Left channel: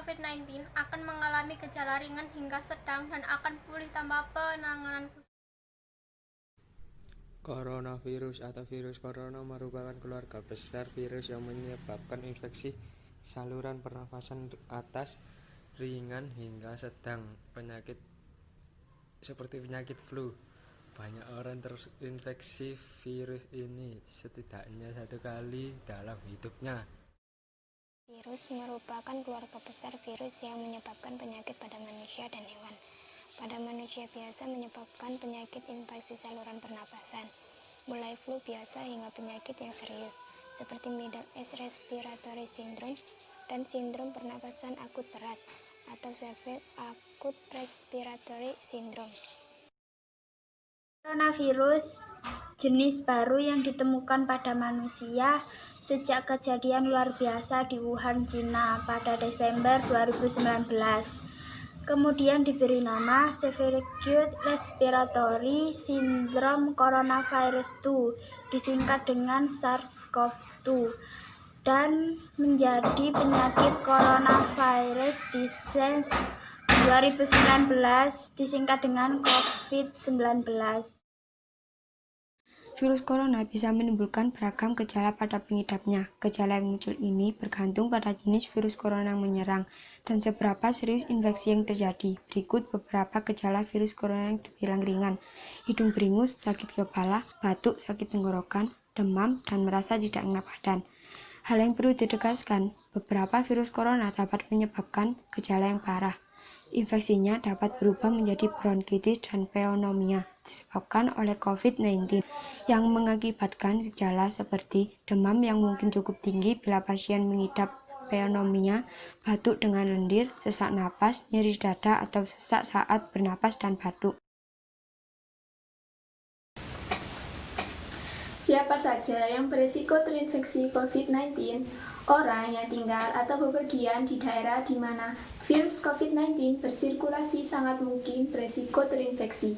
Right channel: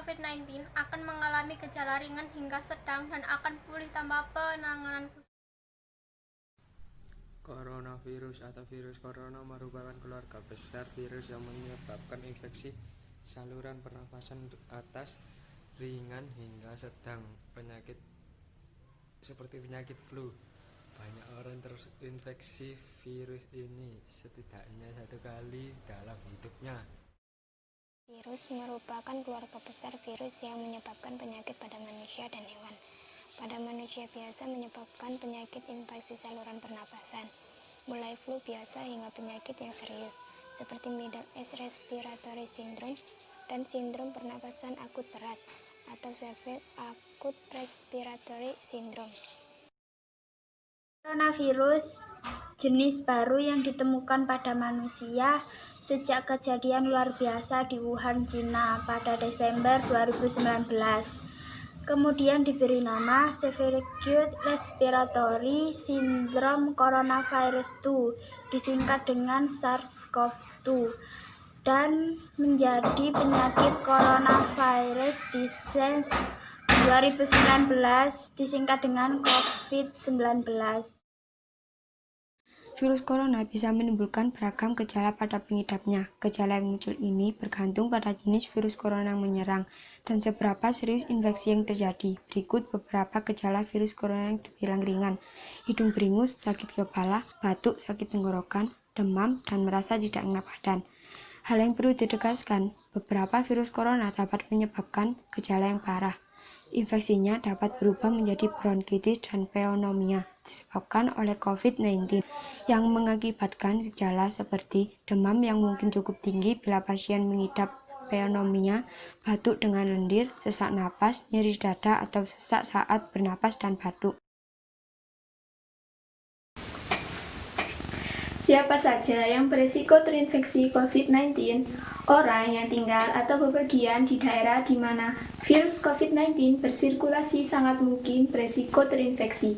COVID-19 akan mengalami gejala ringan hingga sedang dan akan pulih tanpa penanganan khusus. Coronavirus atau virus corona merupakan keluarga besar virus yang menyebabkan infeksi saluran pernafasan atas ringan hingga sedang, penyakit seperti penyakit flu. Banyak orang terinfeksi virus ini setidaknya satu kali dalam hidupnya. Virus merupakan keluarga besar virus yang menyebabkan penyakit pada manusia dan hewan. Pada manusia biasa menyebabkan penyakit infeksi saluran pernapasan, mulai flu biasa hingga penyakit yang serius, seperti Middle East Respiratory Syndrome dan sindrom pernapasan akut berat atau Severe Acute Respiratory Syndrome. Coronavirus jenis baru yang ditemukan pada manusia sejak kejadian luar biasa di Wuhan, Cina pada Desember 2019. Kemudian diberi nama Severe Acute Respiratory Syndrome Coronavirus 2, disingkat dengan SARS-CoV-2, dan menjadi penyakit coronavirus disease 2019, disingkat dengan COVID-19. Virus corona bisa menimbulkan beragam gejala pada pengidapnya. Gejala yang muncul ini bergantung pada jenis virus corona yang menyerang dan seberapa serius infeksi yang terjadi. Berikut beberapa gejala virus corona yang terbilang ringan: hidung beringus, sakit kepala, batuk, sakit tenggorokan, demam, dan merasa tidak enak badan. Hal yang perlu ditegaskan, beberapa virus corona dapat menyebabkan gejala yang parah. Infeksinya dapat berubah menjadi bronkitis dan pneumonia disebabkan oleh COVID-19 yang mengakibatkan gejala seperti demam yang mungkin cukup tinggi bila pasien mengidap pneumonia, batuk dengan lendir, sesak napas, nyeri dada atau sesak saat bernapas dan batuk. Siapa saja yang beresiko terinfeksi COVID-19? Orang yang tinggal atau bepergian di daerah di mana virus COVID-19 bersirkulasi sangat mungkin beresiko terinfeksi.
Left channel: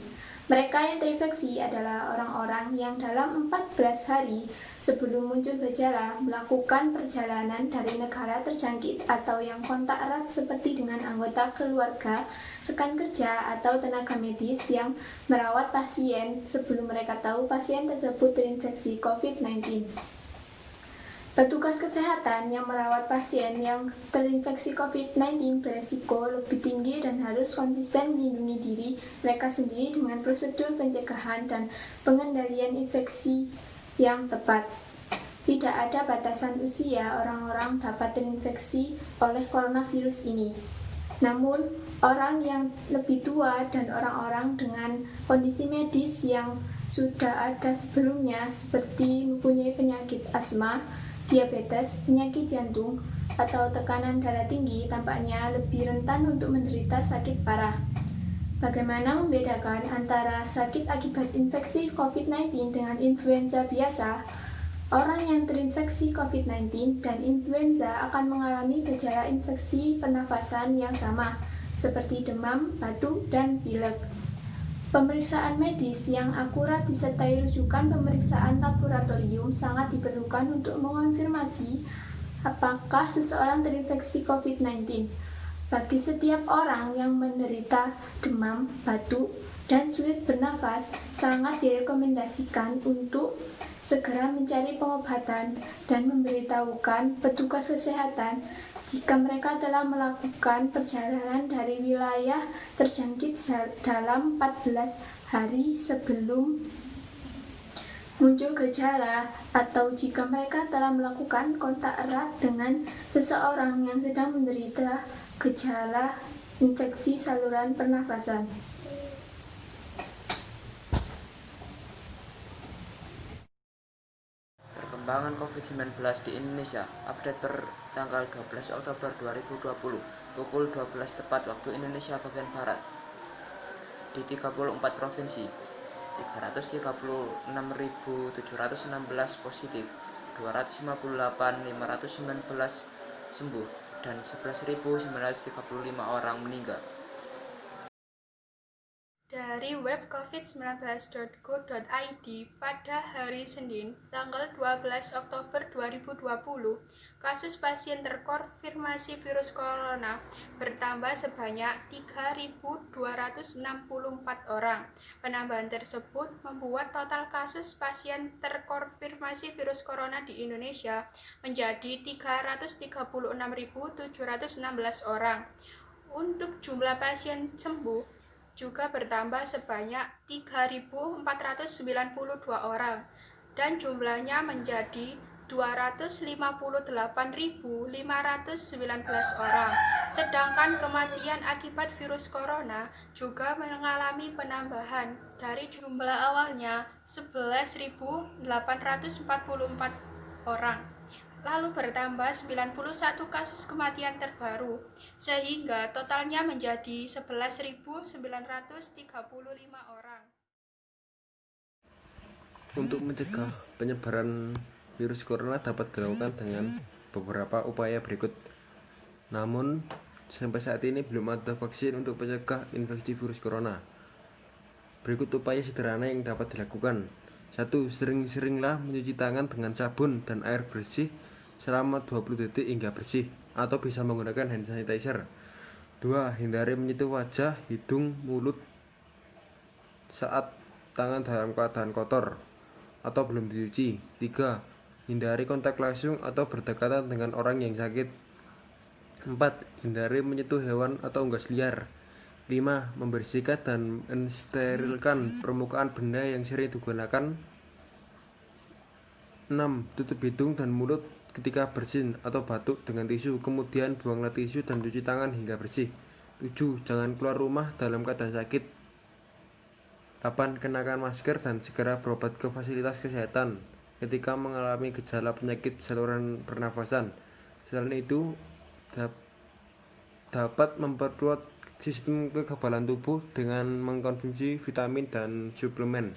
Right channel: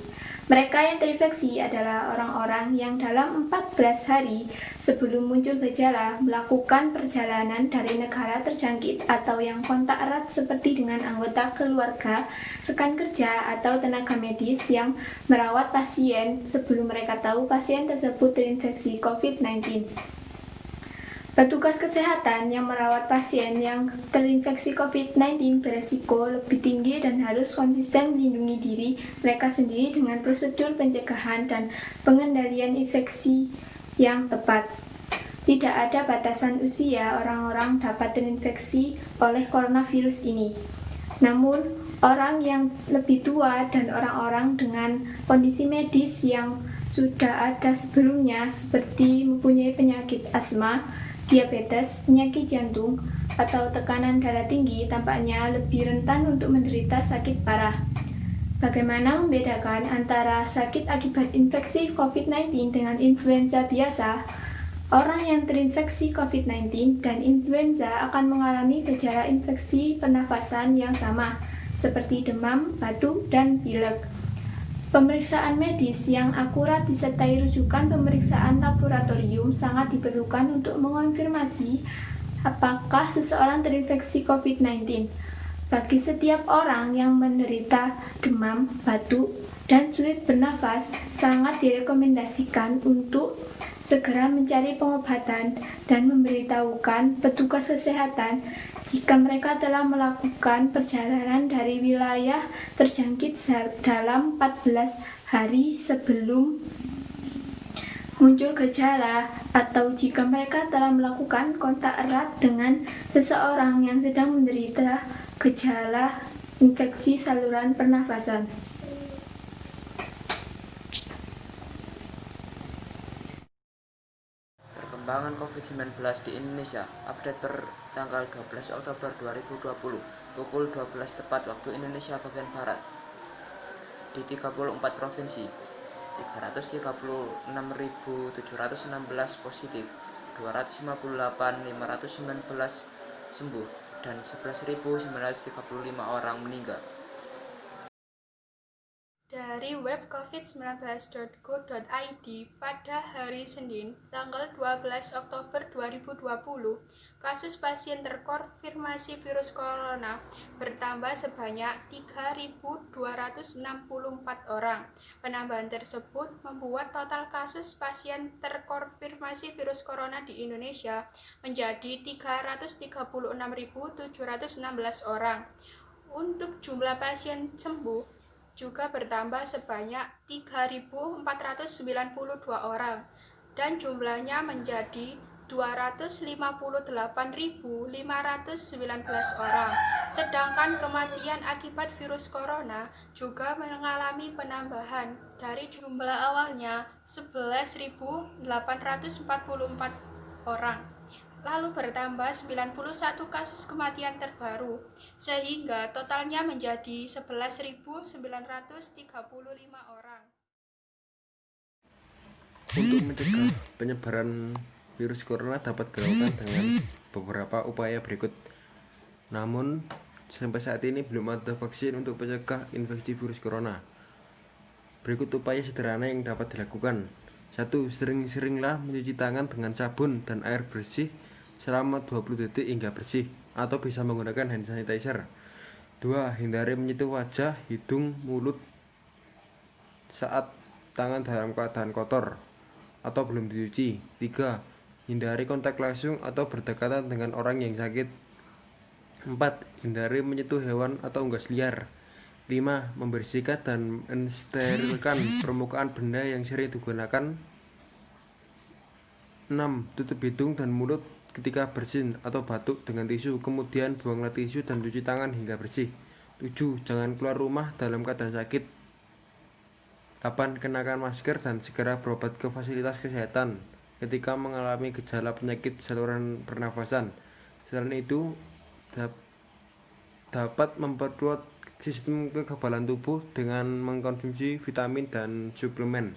Mereka yang terinfeksi adalah orang-orang yang dalam 14 hari sebelum muncul gejala melakukan perjalanan dari negara terjangkit atau yang kontak erat seperti dengan anggota keluarga, rekan kerja, atau tenaga medis yang merawat pasien sebelum mereka tahu pasien tersebut terinfeksi COVID-19. Petugas kesehatan yang merawat pasien yang terinfeksi COVID-19 beresiko lebih tinggi dan harus konsisten melindungi diri mereka sendiri dengan prosedur pencegahan dan pengendalian infeksi yang tepat. Tidak ada batasan usia orang-orang dapat terinfeksi oleh coronavirus ini. Namun, orang yang lebih tua dan orang-orang dengan kondisi medis yang sudah ada sebelumnya seperti mempunyai penyakit asma, diabetes, penyakit jantung, atau tekanan darah tinggi tampaknya lebih rentan untuk menderita sakit parah. Bagaimana membedakan antara sakit akibat infeksi COVID-19 dengan influenza biasa? Orang yang terinfeksi COVID-19 dan influenza akan mengalami gejala infeksi pernafasan yang sama, seperti demam, batuk, dan pilek. Pemeriksaan medis yang akurat disertai rujukan pemeriksaan laboratorium sangat diperlukan untuk mengonfirmasi apakah seseorang terinfeksi COVID-19. Bagi setiap orang yang menderita demam, batuk, dan sulit bernafas, sangat direkomendasikan untuk segera mencari pengobatan dan memberitahukan petugas kesehatan jika mereka telah melakukan perjalanan dari wilayah terjangkit dalam 14 hari sebelum muncul gejala, atau jika mereka telah melakukan kontak erat dengan seseorang yang sedang menderita gejala infeksi saluran pernafasan. Perkembangan COVID-19 di Indonesia, update per tanggal 12 Oktober 2020, pukul 12 tepat waktu Indonesia bagian Barat. Di 34 provinsi, 336.716 positif, 258.519 sembuh, dan 11.935 orang meninggal. Dari dari web covid19.go.id pada hari Senin, tanggal 12 Oktober 2020, kasus pasien terkonfirmasi virus corona bertambah sebanyak 3.264 orang. Penambahan tersebut membuat total kasus pasien terkonfirmasi virus corona di Indonesia menjadi 336.716 orang. Untuk jumlah pasien sembuh juga bertambah sebanyak 3.492 orang dan jumlahnya menjadi 258.519 orang. Sedangkan kematian akibat virus corona juga mengalami penambahan dari jumlah awalnya 11.844 orang. Lalu bertambah 91 kasus kematian terbaru, sehingga totalnya menjadi 11.935 orang. Untuk mencegah penyebaran virus corona dapat dilakukan dengan beberapa upaya berikut. Namun, sampai saat ini belum ada vaksin untuk mencegah infeksi virus corona. Berikut upaya sederhana yang dapat dilakukan. 1. Sering-seringlah mencuci tangan dengan sabun dan air bersih selama 20 detik hingga bersih, atau bisa menggunakan hand sanitizer. 2. Hindari menyentuh wajah, hidung, mulut saat tangan dalam keadaan kotor atau belum dicuci. 3. Hindari kontak langsung atau berdekatan dengan orang yang sakit. 4. Hindari menyentuh hewan atau unggas liar. 5. Membersihkan dan mensterilkan permukaan benda yang sering digunakan. 6. Tutup hidung dan mulut ketika bersin atau batuk dengan tisu, kemudian buanglah tisu dan cuci tangan hingga bersih. 7. Jangan keluar rumah dalam keadaan sakit. 8. Kenakan masker dan segera berobat ke fasilitas kesehatan ketika mengalami gejala penyakit saluran pernafasan. Selain itu, dapat memperkuat sistem kekebalan tubuh dengan mengkonsumsi vitamin dan suplemen.